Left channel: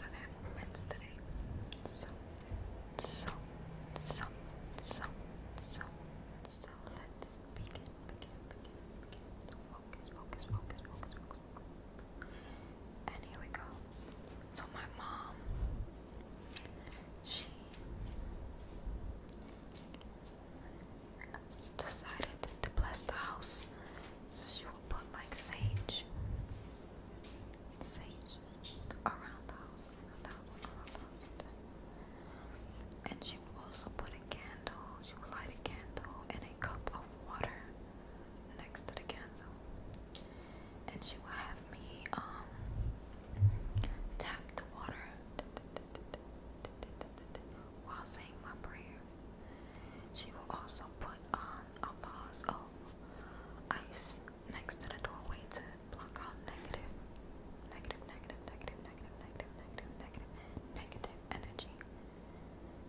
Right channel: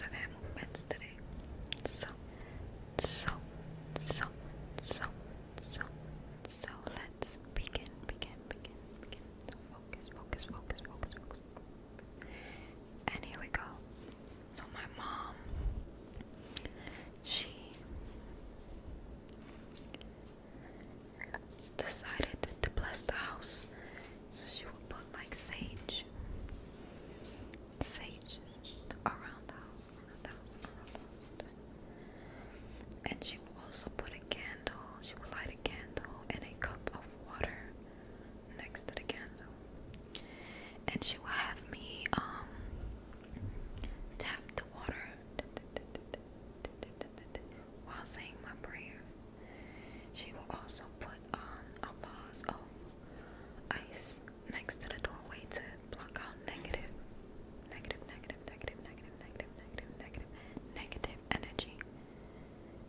lots of hand movements today. So let's begin. Focus. And here we go. So my mom, she decided to bless the house. So she would put like sage around the house. And she would also put a candle. She would light a candle and a cup of water next to the candle. And she would have me tap the water while saying my prayer. She will also put a vase of ice next to the doorway to block out negative energy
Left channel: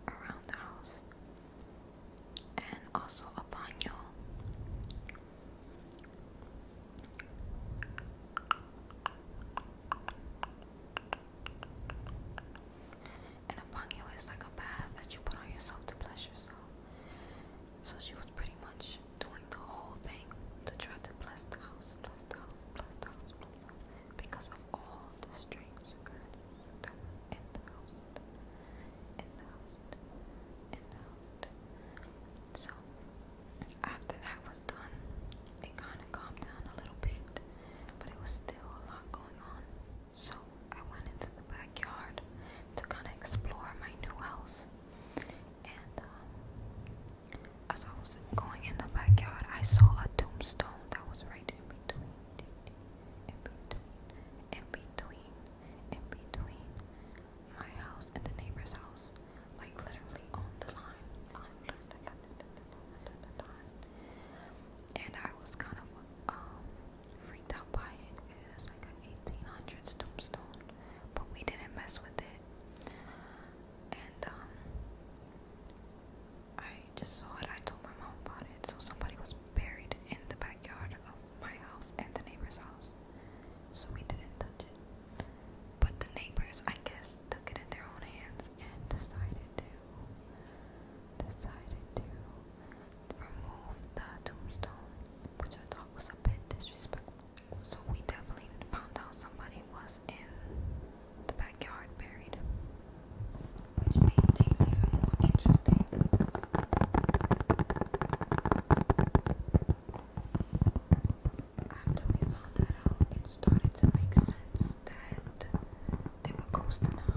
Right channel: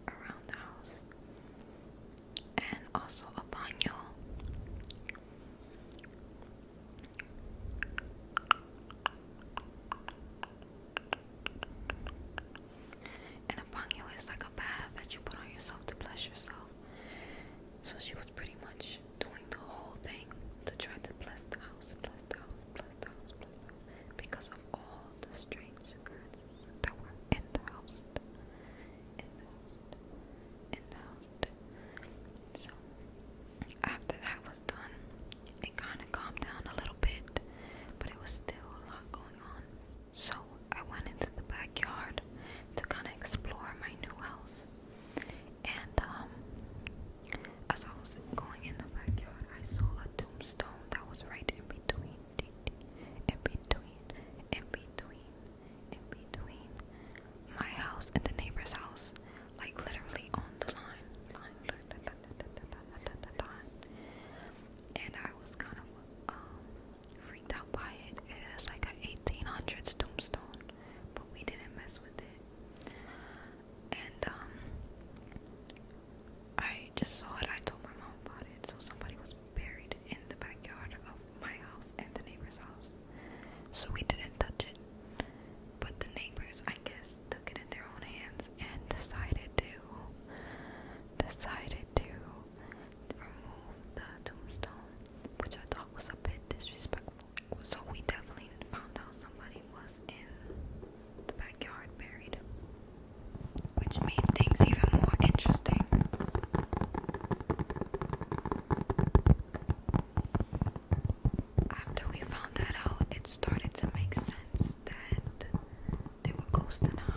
around the house. And also a baño. And a baño is like a bath that you put on yourself to bless yourself. So she was pretty much doing the whole thing to try to bless the house, because of all the strange occurrences that were in the house. So after that was done, it kind of calmed down a little bit, but it was still a lot going on. So I went into the backyard to kind of explore my new house. And as I was going in the backyard, I saw a tombstone that was right in between my house and the neighbor's house, like literally on the line. And I was kind of freaked out by it. It is like an 1800s tombstone, but we didn't mess with it. And I just saw it. I told my mom about it. So somebody was buried in the backyard of my house and the neighbor's house. So we didn't touch it. But the neighbors, I guess, took it in their own hands and decided to remove the tombstone, which I thought was a bit disrespectful. So we definitely found out somebody was in the backyard buried, which made things even more interesting. After we found that out, it started to make sense that there were ghosts in the